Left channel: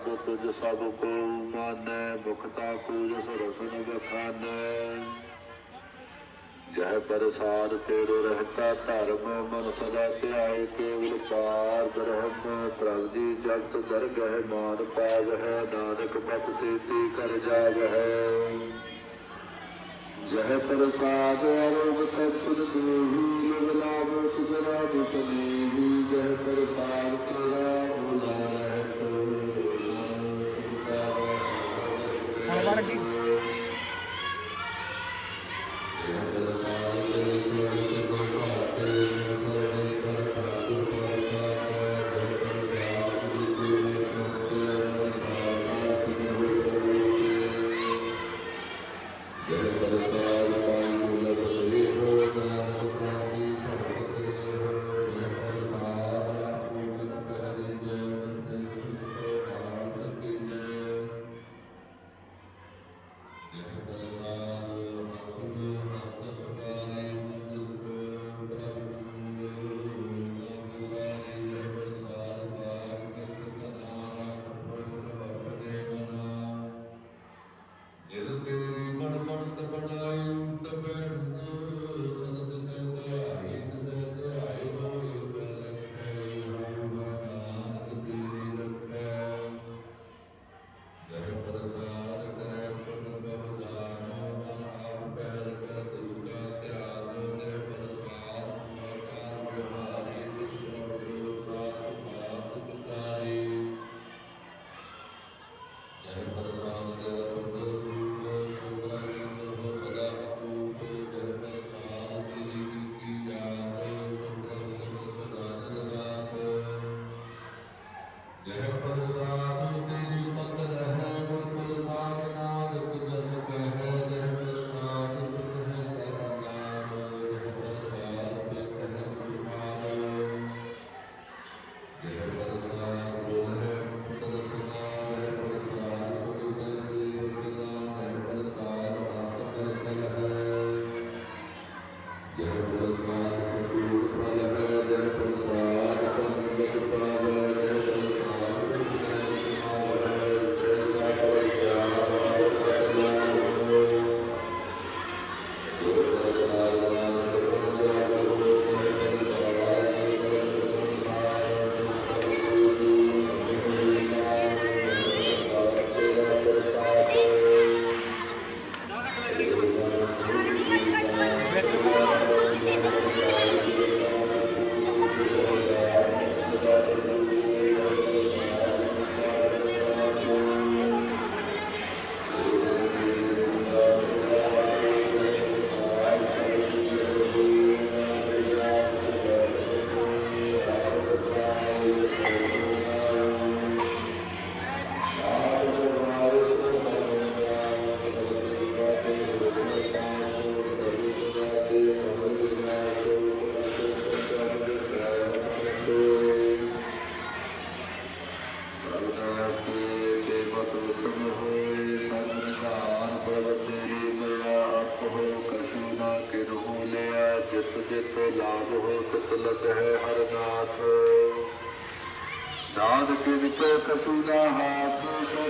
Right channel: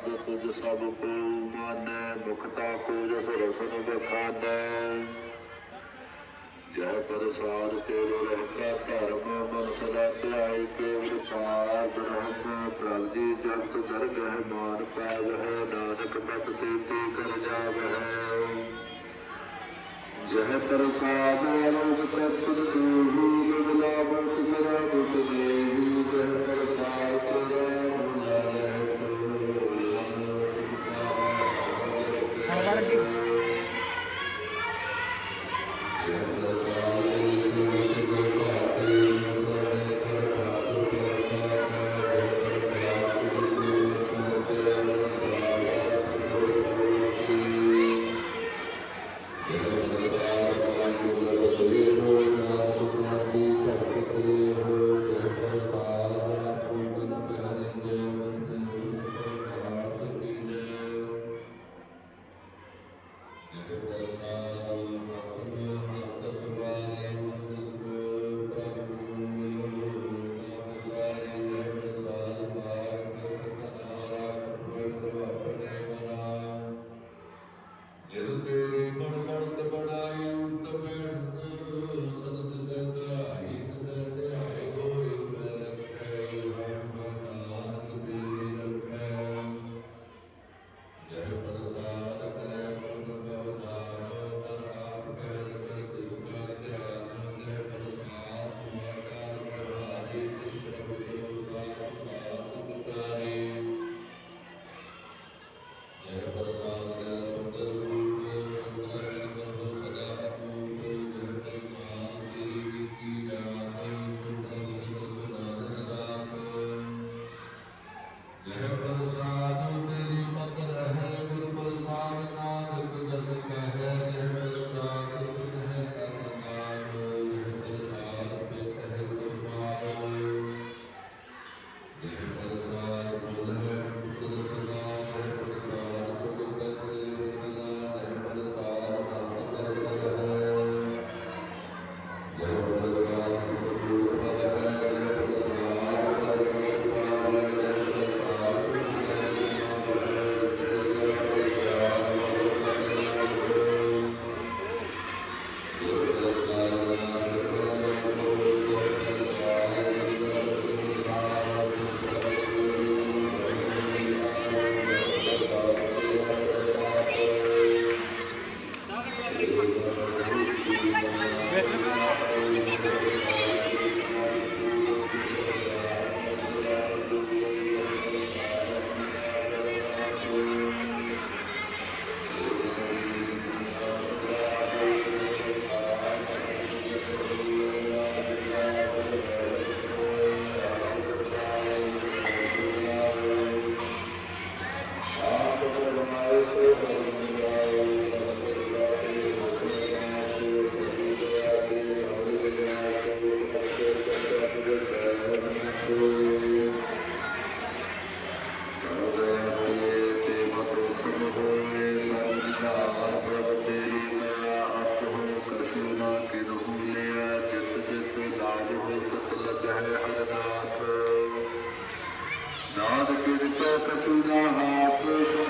ਸਾਧ ਤੁਜ ਸਭ ਕੋ ਮਾਨੈ ਮੁਖਤਾ ਕੋ ਜਸ ਰਸਨ ਬਖਾਨੈ ਜਹ ਪ੍ਰਸਾਦ ਤੇਰੇ ਰਹਤਾ ਧਰਮ, ਮਨ ਸਦਾ ਧਿਆਏ ਕੇਵਲ ਪਾਰ ਬ੍ਰਹਮ। ਪ੍ਰਭ ਜੀ ਜਗਤ ਦਰਗਹਿ ਮਾਨ ਪਾਵਹਿ, ਨਾਨਕ ਪਤ ਤੇ ਤੇ ਕਰ ਜਾਵਹਿ। ਜਹ ਪ੍ਰਸਾਦ ਅਰੋਗ ਤਤ ਦੇਹੀ ਲਗਲਾ ਬਤ ਜਰਾ ਬਤ ਦੇਹੀ ਜਹ ਪ੍ਰਸਾਦ ਤੇਰਾ ਮੁਲਾ Deus, ਜੈ it. ਜਿਤ ਜਿਤ ਲਾਭ ਹੋ ਸਤ ਲਗਹਿ ਹਰ ਨਾਥ ਨਾਦ ਕਿਰਤ ਕਸੂ ਦਾ ਹਾਥ ਸੋ